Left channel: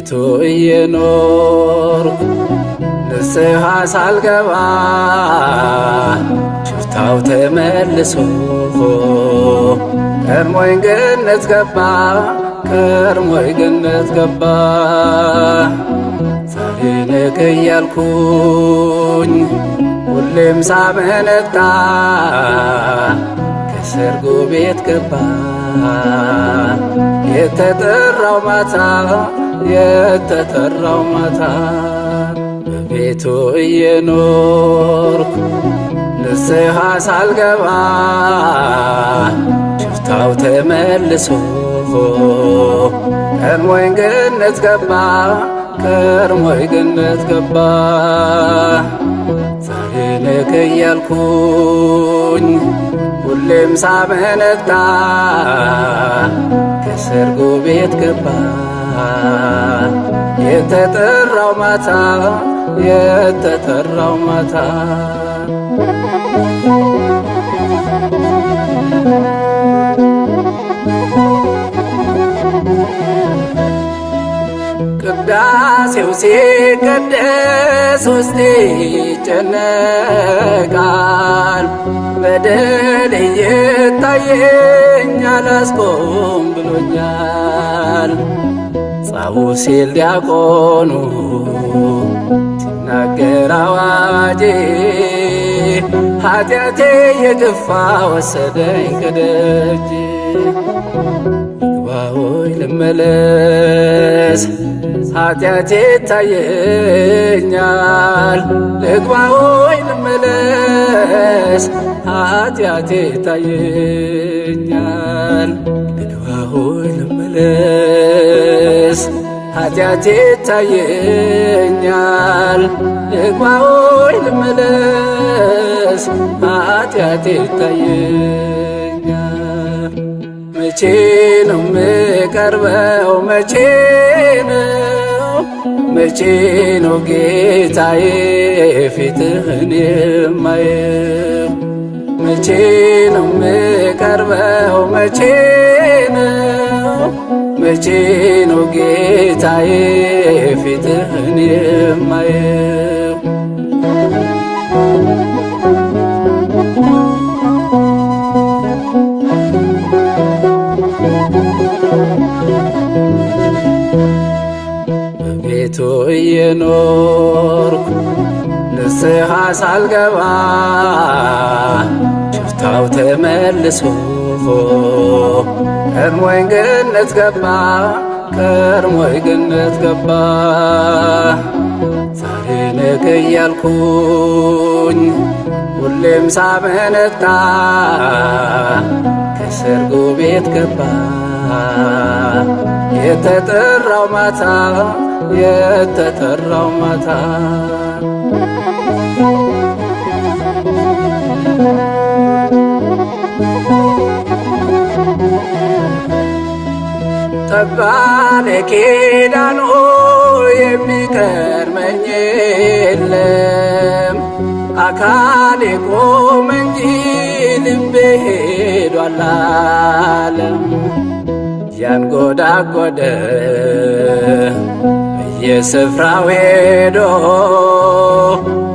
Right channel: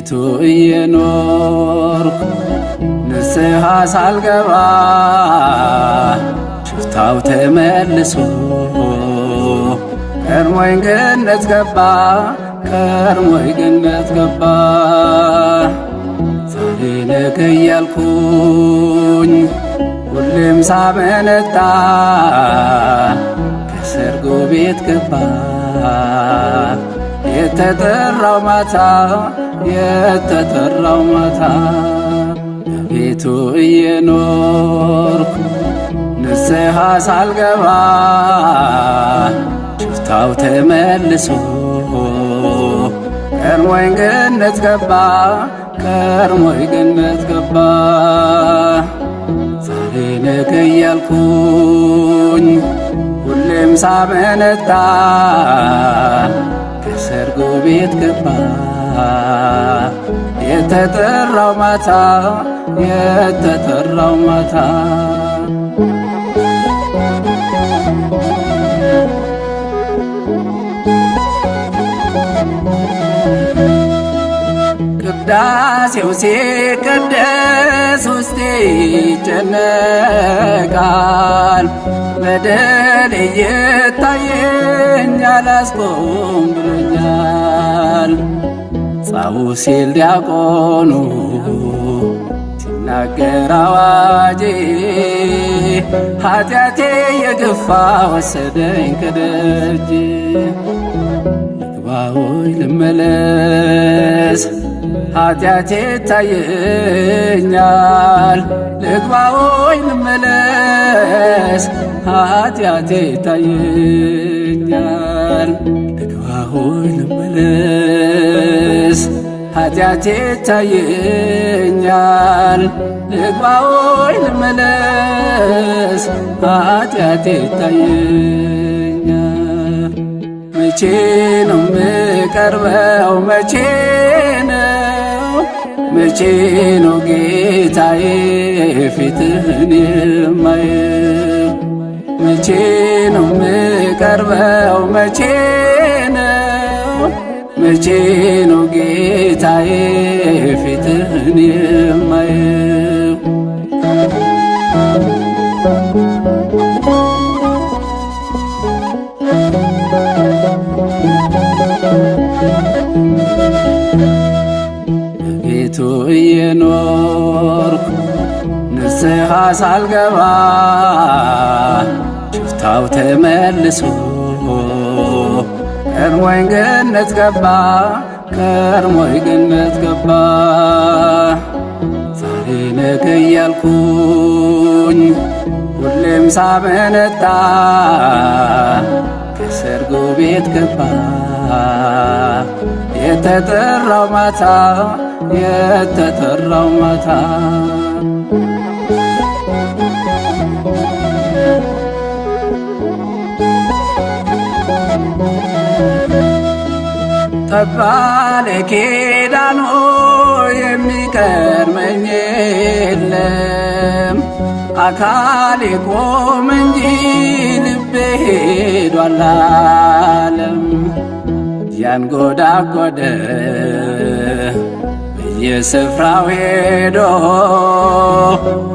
በቤቱ እየኖርኩ ንስሐ ሳልገባ ሽፍታው ተመልሶ ቀድሞኝ ገነት ገባ ቀድሞኝ ገነት ገባ። ዛሬ ነገ እያልኩኝ ሁሌም ሳመነታ ከሰርጎ ቤት ገባ የተጠራው ማታ የተጠራው ማታ። በቤቱ እየኖርኩ ንስሐ ሳልገባ ሽፍታው ተመልሶ ቀድሞኝ ገነት ገባ ቀድሞኝ ገነት ገባ። ዛሬ ነገ እያልኩኝ ሁሌም ሳመነታ ከሰርጎ ቤት ገባ የተጠራው ማታ የተጠራው ማታ። ቅዳሴው ሲቀደስ ውስጤ ይጨነቃል። በደል እየታየኝ አላስቆም ብሎኛል። ጻኡ ሲል ዲያቆኑ ሲናገር አዋጄ ኃጢአቴ የገፋ ወሰደኝ ከደጅ። ልግባ ሆይ ልመለስ ኃጢአቴ ይታየኛል። ልግባ ሆይ ልመለስ ኃጢአቴ ይታየኛል። ልግባ ሆይ ልመለስ ኃጢአቴ ይታየኛል። ልግባ ሆይ ልመለስ ኃጢአቴ ይታየኛል። መቼ ነው ምቀርበው መቼ ነው መቼ ነው ጌታዬ ፊትህን የማየው? መቼ ነው ምቀርበው መቼ ነው መቼ ነው ጌታዬ ፊትህን የማየው? በቤቱ እየኖርኩ ንስሐ ሳልገባ ሽፍታው ተመልሶ ቀድሞኝ ገነት ገባ ቀድሞኝ ገነት ገባ። ዛሬ ነገ እያልኩኝ ሁሌም ሳመነታ ከሰርጎ ቤት ገባ የተጠራው ማታ የተጠራው ማታ። ጠባለ ኪዳኑ የሚቀድመኝ የለም። አካሌ ቆመ እንጂ ልቤ ሄዷል አለም። ያንጎዳጎደ በየስፍራው ሄዶ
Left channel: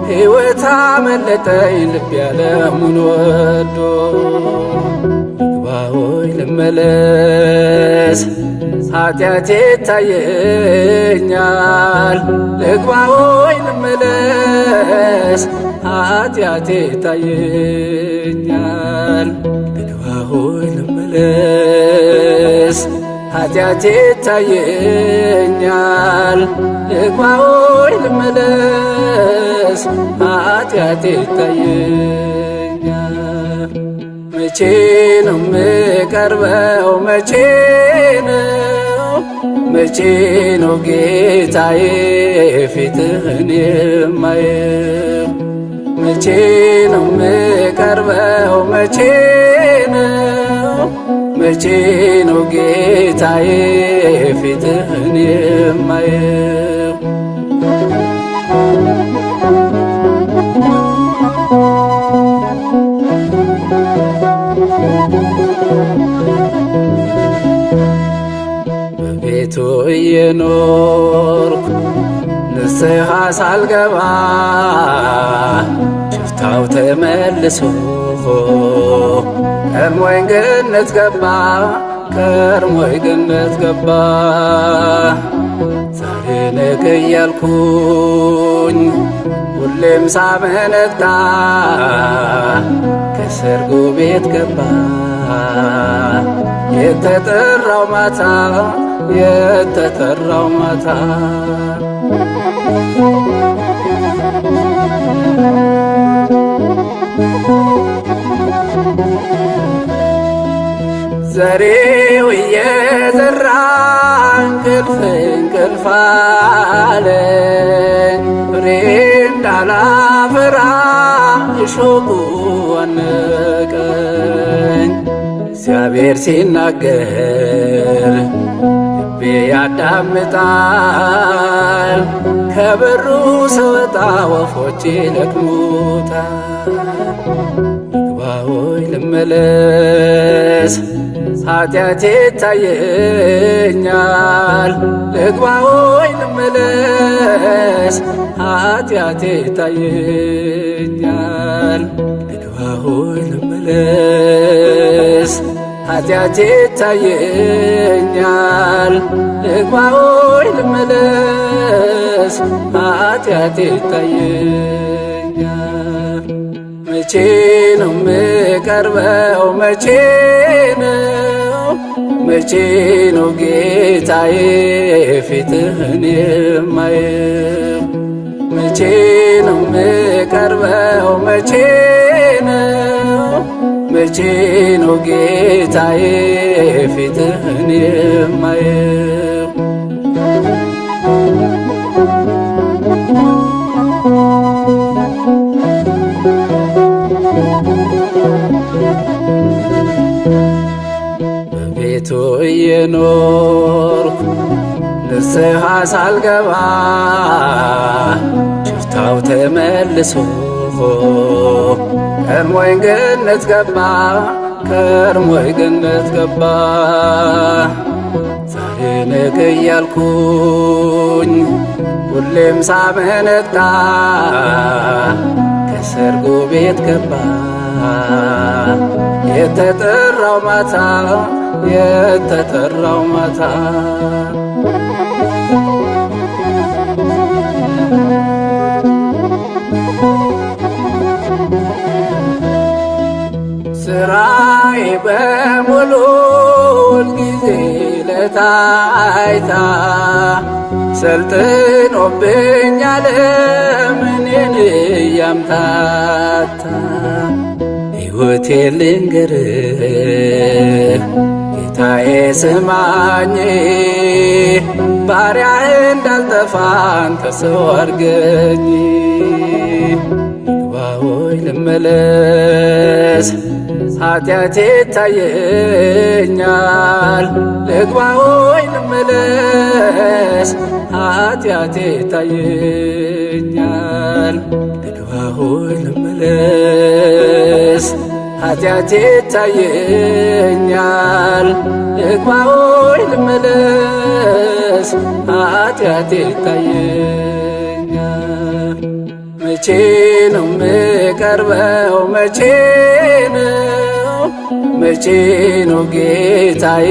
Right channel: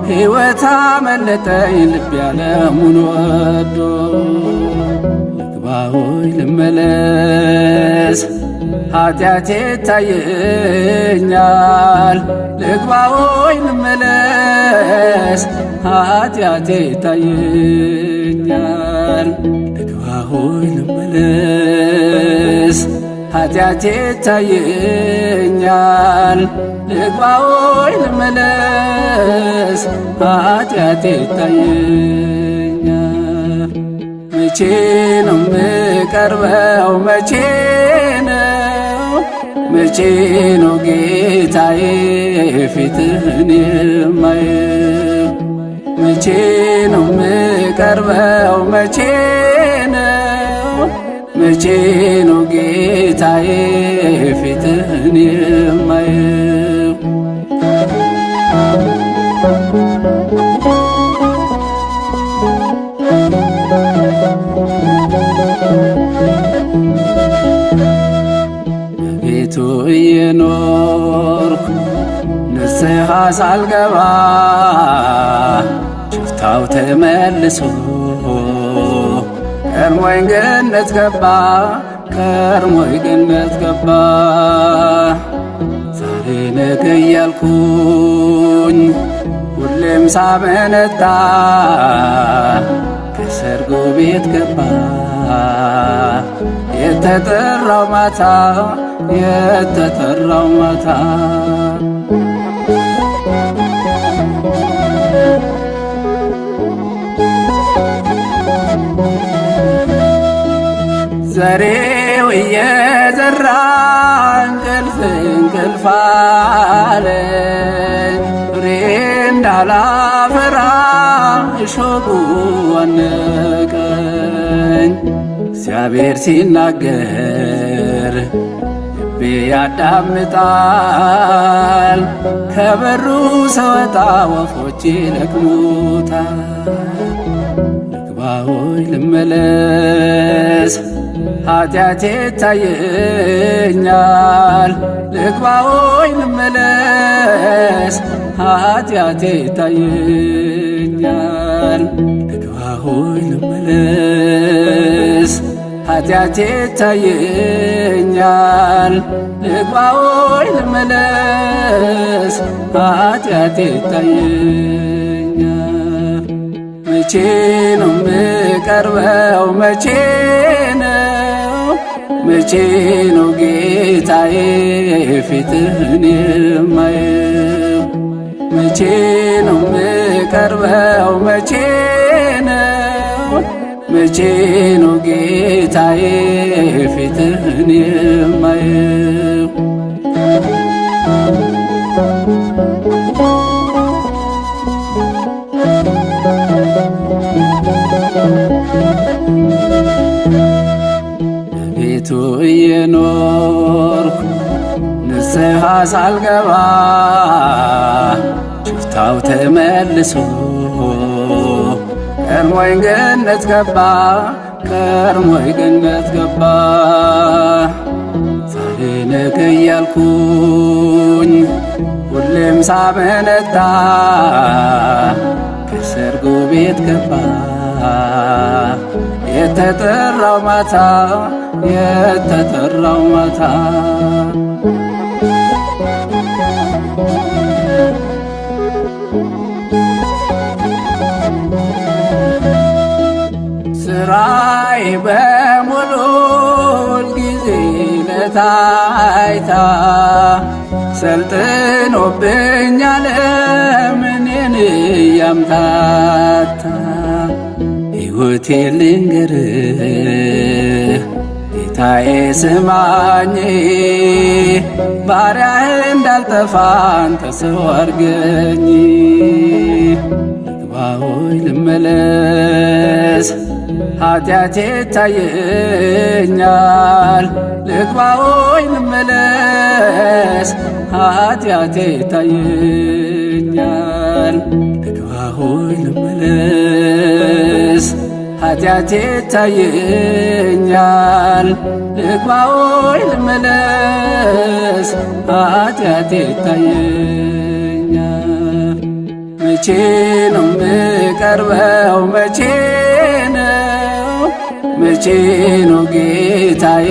ሕይወት አመለጠኝ ልብ ያለሙን ወዶ። ልግባ ሆይ ልመለስ ኃጢአቴ ይታየኛል። ልግባ ሆይ ልመለስ ኃጢአቴ ይታየኛል። ልግባ ሆይ ልመለስ ኃጢአቴ ይታየኛል። ልግባ ሆይ ልመለስ ኃጢአቴ ይታየኛል። መቼ ነው ምቀርበው መቼ ነው መቼ ነው ጌታዬ ፊትህን የማየው? መቼ ነው ምቀርበው መቼ ነው መቼ ነው ጌታዬ ፊትህን የማየው? በቤቱ እየኖርኩ ንስሐ ሳልገባ ሽፍታው ተመልሶ ቀድሞኝ ገነት ገባ ቀድሞኝ ገነት ገባ። ዛሬ ነገ እያልኩኝ ሁሌም ሳመነታ ከሰርጉ ቤት ገባ የተጠራው ማታ የተጠራው ማታ። ዘሬው እየዘራ እንቅልፍ እንቅልፍ አለኝ ፍሬ እንዳላፈራ እሾሁ አነቀኝ። እግዚአብሔር ሲናገር ልቤ ያዳምጣል ከበሩ ስወጣ ወፎች ይለቅሙታል። ልግባ ሆይ ልመለስ ኃጢአቴ ይታየኛል። ልግባ ሆይ ልመለስ ኃጢአቴ ይታየኛል። ልግባ ሆይ ልመለስ ኃጢአቴ ይታየኛል። ልግባ ሆይ ልመለስ ኃጢአቴ ይታየኛል። መቼ ነው ምቀርበው መቼ ነው መቼ ነው ጌታዬ ፊትህን የማየው? መቼ ነው ምቀርበው መቼ ነው መቼ ነው ጌታዬ ፊትህን የማየው? በቤቱ እየኖርኩ ንስሐ ሳልገባ ሽፍታው ተመልሶ ቀድሞኝ ገነት ገባ ቀድሞኝ ገነት ገባ። ዛሬ ነገ እያልኩኝ ሁሌም ሳመነታ ከሰርጉ ቤት ገባ የተጠራው ማታ የተጠራው ማታ። ስራዬ በሙሉ ሁልጊዜ ለታይታ ሰልጥኖብኛል እኔን እያምታታ። ሕይወቴ ልንገርህ ጌታዬ ስማኝ ባሪያህ እንዳልጠፋ አንተ ሰው አድርገኝ። ልግባ ሆይ ልመለስ ኃጢአቴ ይታየኛል። ልግባ ሆይ ልመለስ ኃጢአቴ ይታየኛል። ልግባ ሆይ ልመለስ ኃጢአቴ ይታየኛል። ልግባ ሆይ ልመለስ ኃጢአቴ ይታየኛል። መቼ ነው ምቀርበው መቼ ነው መቼ ነው ጌታዬ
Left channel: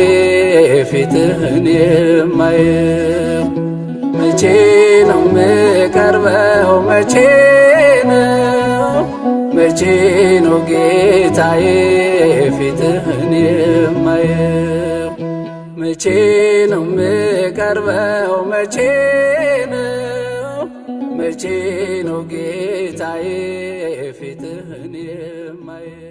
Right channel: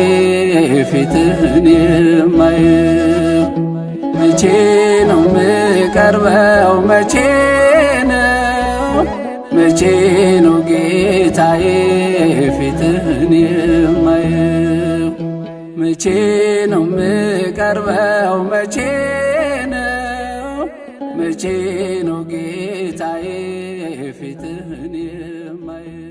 ፊትህን የማየው? መቼ ነው ምቀርበው መቼ ነው መቼ ነው ጌታዬ ፊትህን የማየው? መቼ ነው ምቀርበው መቼ ነው መቼ ነው ጌታዬ ፊትህን የማየው?